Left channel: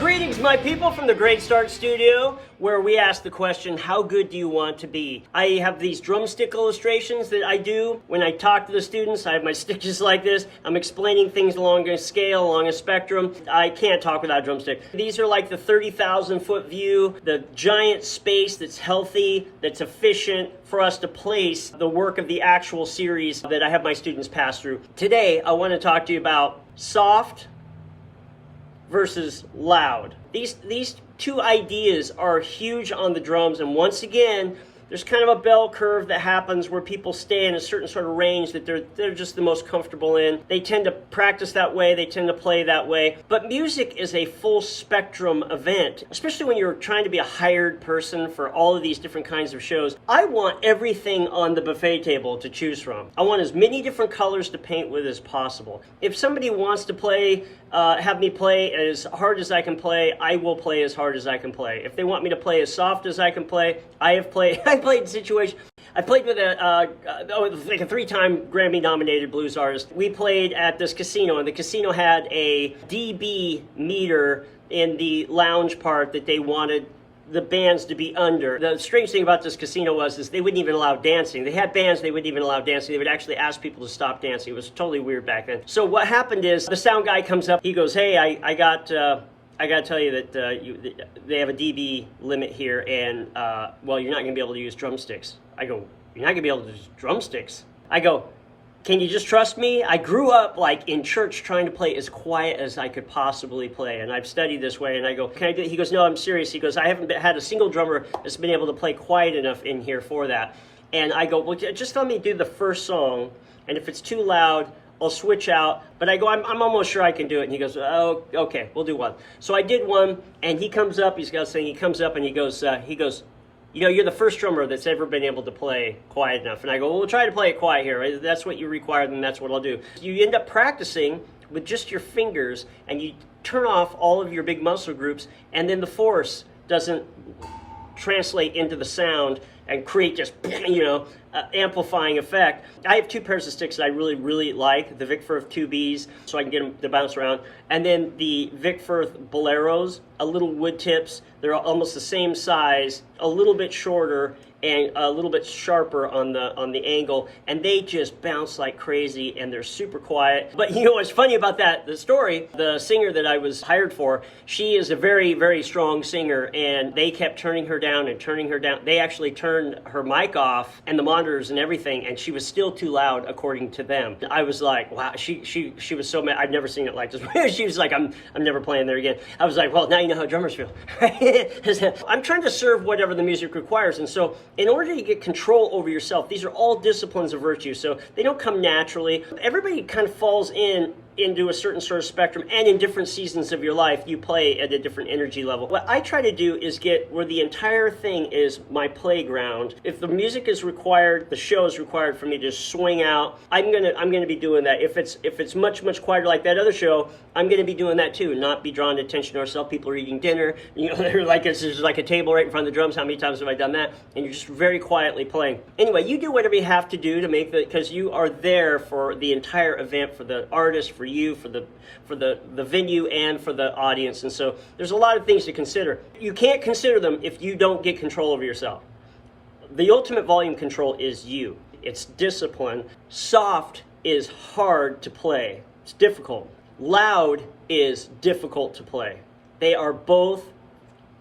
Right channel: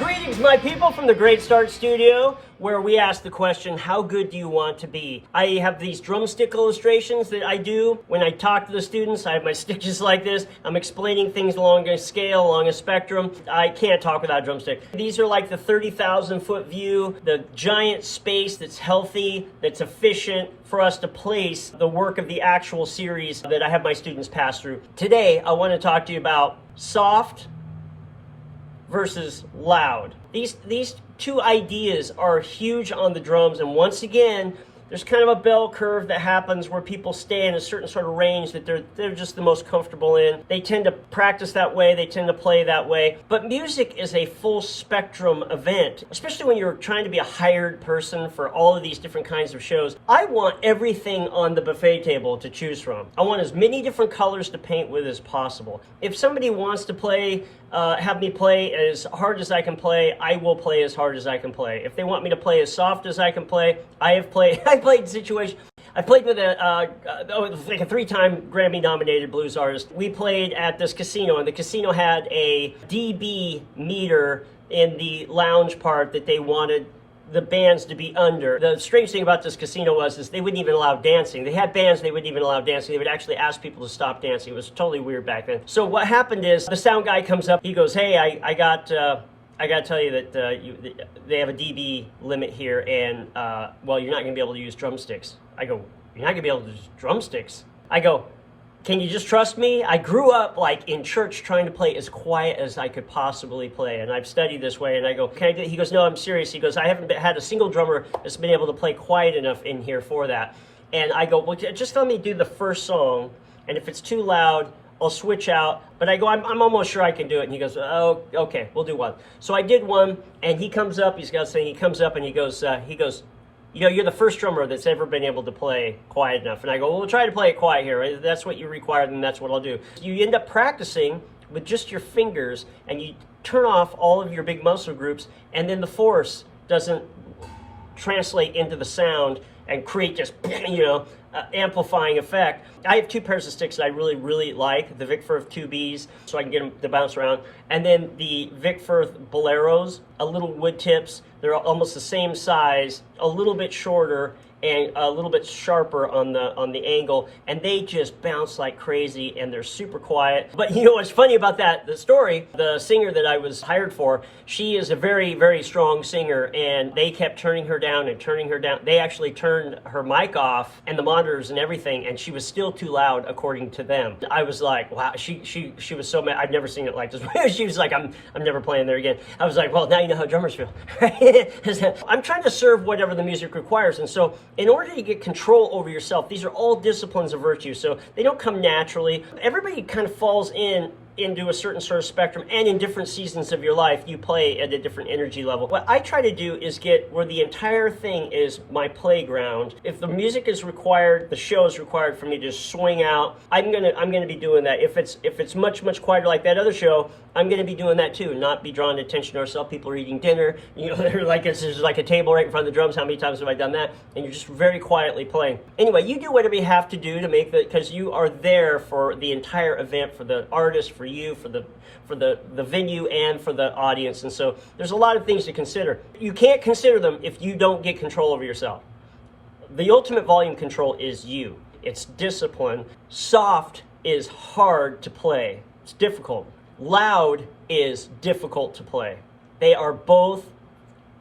Greetings, my people, from the Great Start Studio, where we ask the question, how good do you want to be? I have these drumstick illustrations that I do when I talk to the students. I have my stick just like this. I'm explaining things along a scale, along a spectrum. I can't talk without a drumstick. These are like the 30,000 foot view, the giant space that's healthy, that's efficient for us to place the work of the actual series that I have my students pass through. Today, I want to talk to you about soft versus loud. These two ideas are huge on the drums, and once again, there's kind of a bell curve that happens where people stay in a certain sort of range that they're just the most comfortable in. They tend to practice that way, they tend to play that way. But music is a full spectrum event, especially when you're trying to be a hired person for all of these different kinds of shows. I want everything on the buffet table to choose from. I want as many different colors to paint with as possible. If somebody wants to play, have me play as hard as I can play, I will play as hard as I can play. If they want me to play as soft as I can play, I played situations. I played with a 3-time Grammy-nominated blues artist. We played at this casino, and the casino had a dB meter in the lounge part that they wanted the bands to be under. The strange thing about this casino was they wouldn't even allow dancing. They had bands, they wouldn't even allow dancing. They would actually ask people to stop dancing. It was totally weird back then. So what happened is the sound guy comes up. He goes, "Hey, I got to tell you that they have a dB limit here, and well, you're not going to be able to use drumsticks." I go, "You're not going to be able to use drumsticks?" I go, "Can you just trust me? I grew up like in church trying to play as quiet as I could possibly play, and I've studied this way." And I go, "Can I do it?" He goes, "No, I'm serious." He goes, "I haven't had a single drummer that's been able to play quiet enough in here for that." And I go, "Well, just let me do the first song, and if it's too loud, I'll switch out." But I go, I'm almost sure I can do it." And he goes, "Oh, okay, we'll do one." So I did one, and he comes up, he's got saying, he comes up and he goes, "You know, you're the first drummer that's ever been able to play quiet enough." And I go, "Well, we'll try to play it quiet here. Right? That's what you require, then that's what I'll do." You end up practicing with just your fingers, and you turn off all of your big muscle groups, and then the force doesn't translate into the sound and create just, amplifying effect. I have two pairs of sticks that I really, really like. The Vic Firth 2Bs, so I can get them to bounce around. And then the Vic Firth Boleros, little wood tips. They're almost the same size, a little bit shorter, and a little bit sharper on the angle, and they just bounce like crazy, and they're super quiet. But you know what's funny about the story, the singer that I was hired for, she is a very, very strong singer, and they kept turning her down and turning her down. They actually turned her mic off and the monitors and everything, and she was still too loud according to them. I was like, wow, she was so mad. I've never seen it like this. She was like, I'm never playing there again. I was like, well, now you know how drummers feel. I'm trying to serve whatever the music requires, and so in order to get control over yourself, these are all disciplines of virtue, so they don't come naturally. Everybody kind of falls into a certain sort of spectrum, and in different seasons of your life, you play at a different energy level. What I try to do is get where the entire thing is my playground. If the music is required, the show is required for me to swing out, I'm gonna be doing that. If it's much quieter like that other show, I'm going to be doing that too, not be drawing attention to ourselves. People are eating dinner, they're like, there's like a table right in front of the drums. How many times have I done that? And you're just very quietly playing. Anyway, you do whatever you have to do to make because you are there for the entire event, for the artist, for you, for the venue, and for the audience. And so there's a lot of things to consider. You can't consider them if you don't get control over yourself. The ultimate volume control is you. It's discipline. Soft is hard to play. It's difficult. Loud is difficult to play. They are both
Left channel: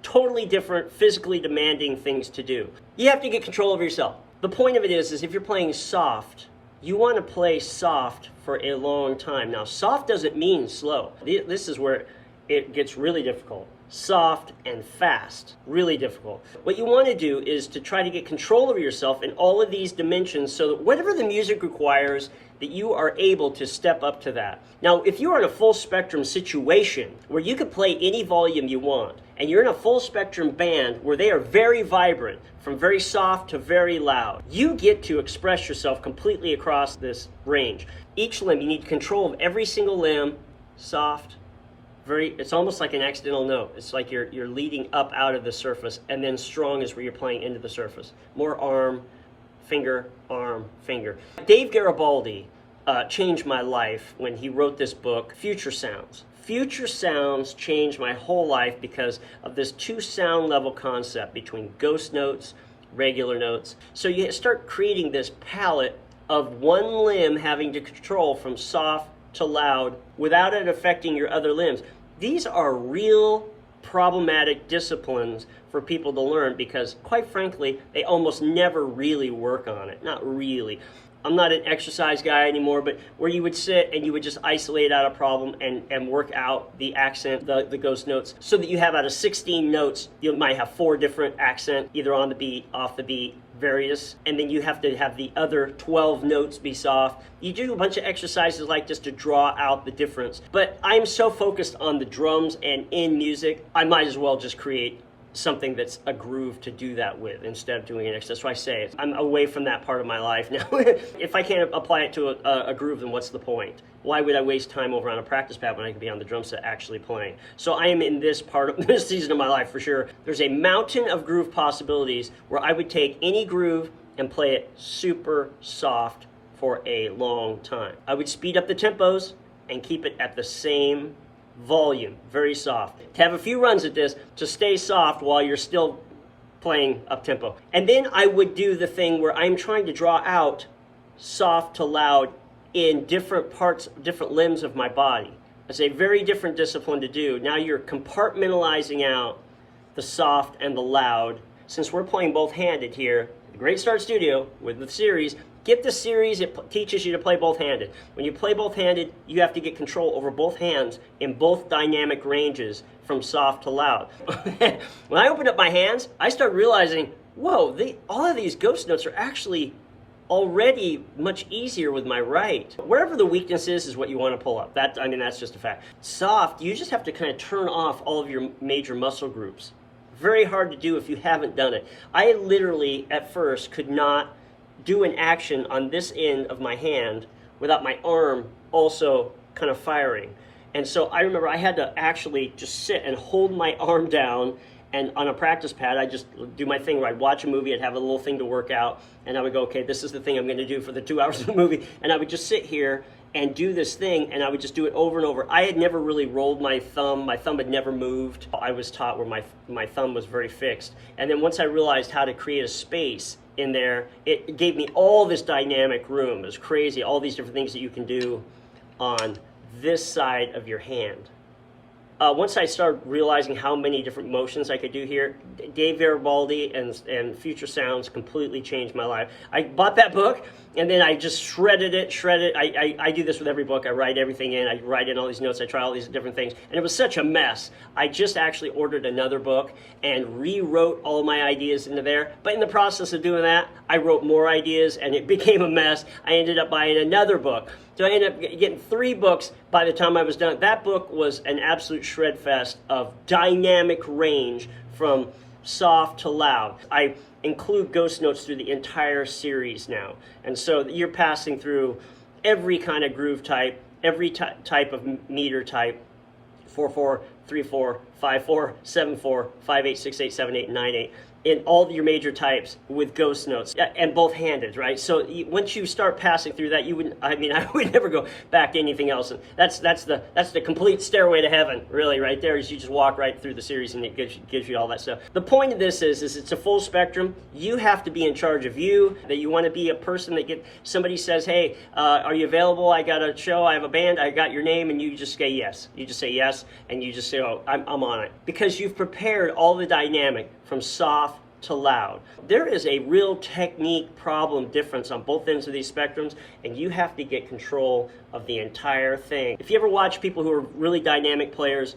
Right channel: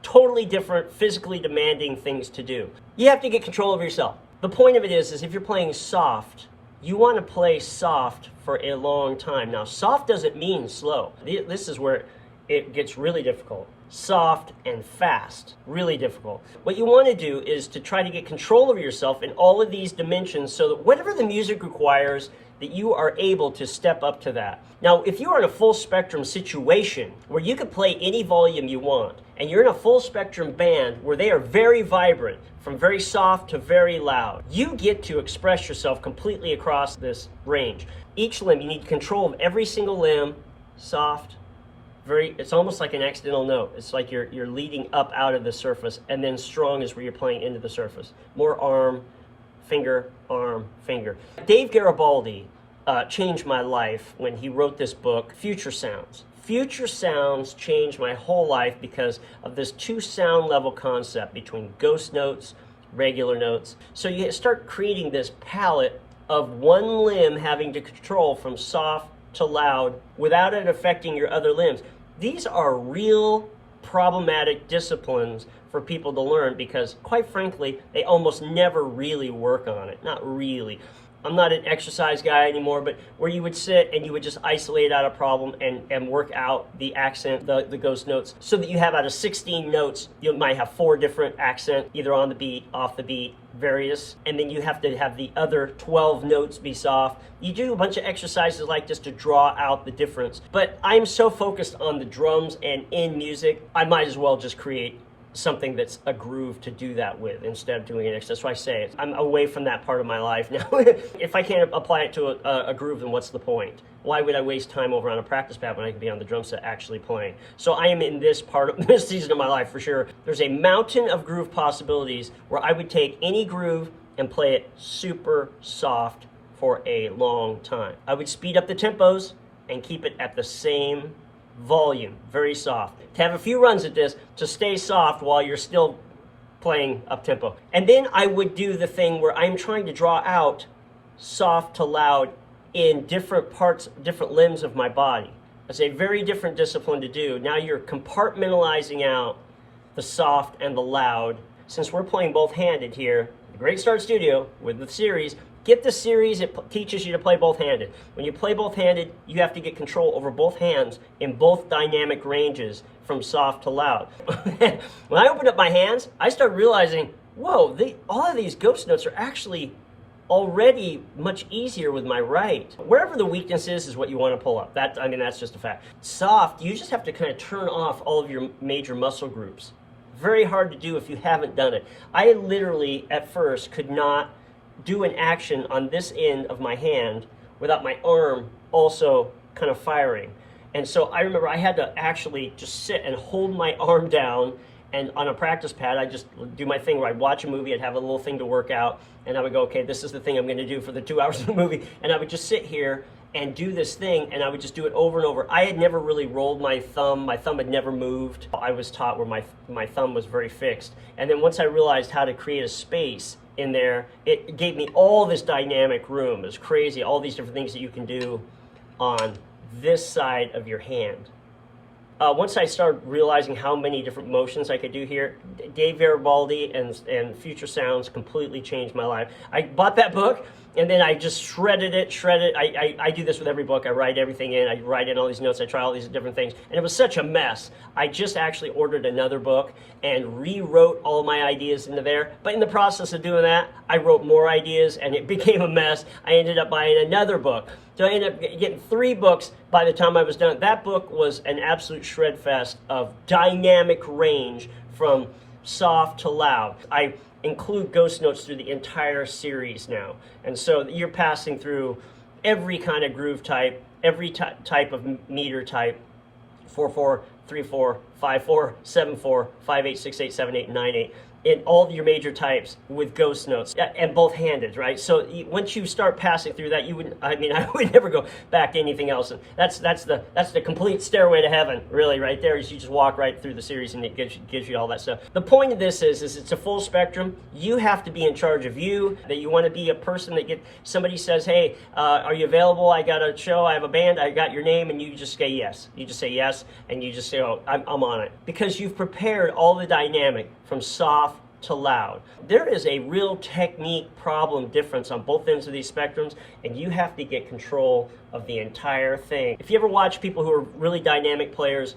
totally different, physically demanding things to do. You have to get control of yourself. The point of it is if you're playing soft, you want to play soft for a long time. Now, soft doesn't mean slow. This is where it gets really difficult. Soft and fast, really difficult. What you want to do is to try to get control of yourself in all of these dimensions so that whatever the music requires, that you are able to step up to that. Now, if you're in a full spectrum situation where you can play any volume you want, and you're in a full spectrum band where they are very vibrant, from very soft to very loud, you get to express yourself completely across this range. Each limb, you need control of every single limb, soft, it's almost like an accidental note. It's like you're leading up out of the surface, and then strong is where you're playing into the surface. More arm, finger, arm, finger. Dave Garibaldi changed my life when he wrote this book, Future Sounds. Future sounds changed my whole life because of this 2 sound level concept between ghost notes, regular notes. So you start creating this palette of one limb having to control from soft to loud without it affecting your other limbs. These are real problematic disciplines for people to learn because, quite frankly, they almost never really work on it. Not really. I'm not an exercise guy anymore, but where you would sit and you would just isolate out a problem and work out the accent, the ghost notes, so that you have out of 16 notes, you might have 4 different accent, either on the beat, off the beat, various, and then you have to have the other 12 notes be soft. You do a bunch of exercises like this to draw out the difference. But I'm so focused on the drums and in music, I might as well just create something that's a groove to do that with instead of doing an exercise. That's why I say it. I'm away from that part of my life now. If I can't apply it to a groove, then what's the point? Why would I waste time over on a practice pad when I could be on the drum set actually playing? So I am in this part of this season of my life for sure. There's a mountain of groove possibilities where I would take any groove and play it super soft for a long time. I would speed up the tempos and keep it at the same volume, very soft. To have a few runs at this to stay soft while you're still playing up tempo. And then I would do the thing where I'm trying to draw out soft to loud in different parts, different limbs of my body. It's a very different discipline to do. Now you're compartmentalizing out the soft and the loud. Since we're playing both handed here, the Great Start Studio with the series, get the series, it teaches you to play both-handed. When you play both-handed, you have to get control over both hands in both dynamic ranges from soft to loud. When I opened up my hands, I started realizing, whoa, all of these ghost notes are actually already much easier with my right. Wherever the weakness is what you want to pull up. That's just a fact. Soft, you just have to kind of turn off all of your major muscle groups. Very hard to do if you haven't done it. I literally, at first, could not do an action on this end of my hand without my arm also kind of firing. And so I remember I had to actually just sit and hold my arm down, and on a practice pad I just do my thing where I'd watch a movie, I'd have a little thing to work out, and I would go, okay, this is the thing I'm going to do for the 2 hours of the movie, and I would just sit here and do this thing, and I would just do it over and over. I had never really rolled my thumb had never moved. I was taught where my thumb was very fixed, and then once I realized how to create a space in there, it gave me all this dynamic room. It was crazy, all these different things that you can do on this side of your hand. Once I started realizing how many different motions I could do here, Dave Garibaldi and Future Sounds completely changed my life. I bought that book, and then I just shredded it. I do this with every book. I write everything in. I write in all these notes. I try all these different things. And it was such a mess. I just actually ordered another book and rewrote all my ideas into there. But in the process of doing that, I wrote more ideas, and it became a mess. I ended up buying another book. So I ended up getting 3 books by the time I was done. That book was an absolute shred fest of dynamic range from soft to loud. I include ghost notes through the entire series now. And so you're passing through every kind of groove type, every type of meter type, 4/4, 3/4, 5/4, 7/4, 5/8, 6/8, 7/8, 9/8. In all your major types with ghost notes and both handed, right? So once you start passing through that, I would never go back to anything else. And that's the complete stairway to heaven, really, right there. Is you just walk right through the series and it gives you all that stuff. The point of this is it's a full spectrum. You have to be in charge of you. That you want to be a person that somebody says, hey, are you available? I got a show, I have a band, I got your name, and you just say yes. You just say yes, and you just say, oh, I'm on it, because you've prepared all the dynamic from soft to loud. There is a real technique problem difference on both ends of these spectrums, and you have to get control of the entire thing. If you ever watch people who are really dynamic players,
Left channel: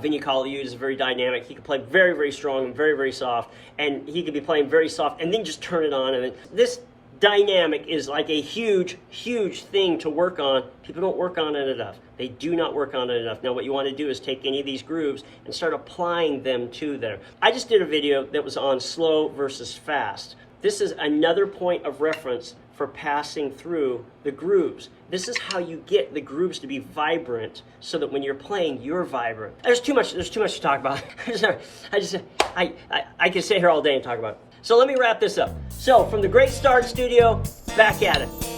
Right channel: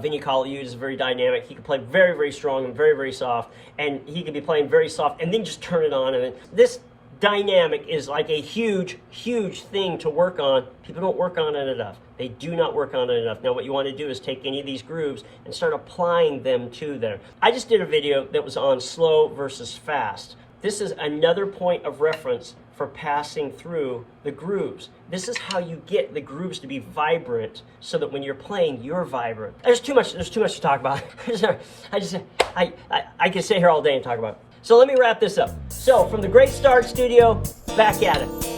Vinny Colaiuta is very dynamic. He can play very, very strong and very, very soft, and he could be playing very soft and then just turn it on. And then this dynamic is like a huge, huge thing to work on. People don't work on it enough. They do not work on it enough. Now what you want to do is take any of these grooves and start applying them to them. I just did a video that was on slow versus fast. This is another point of reference for passing through the grooves. This is how you get the grooves to be vibrant so that when you're playing, you're vibrant. There's too much to talk about. I can sit here all day and talk about it. So let me wrap this up. So from the Great Start Studio, back at it.